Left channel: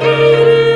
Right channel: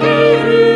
Thank you.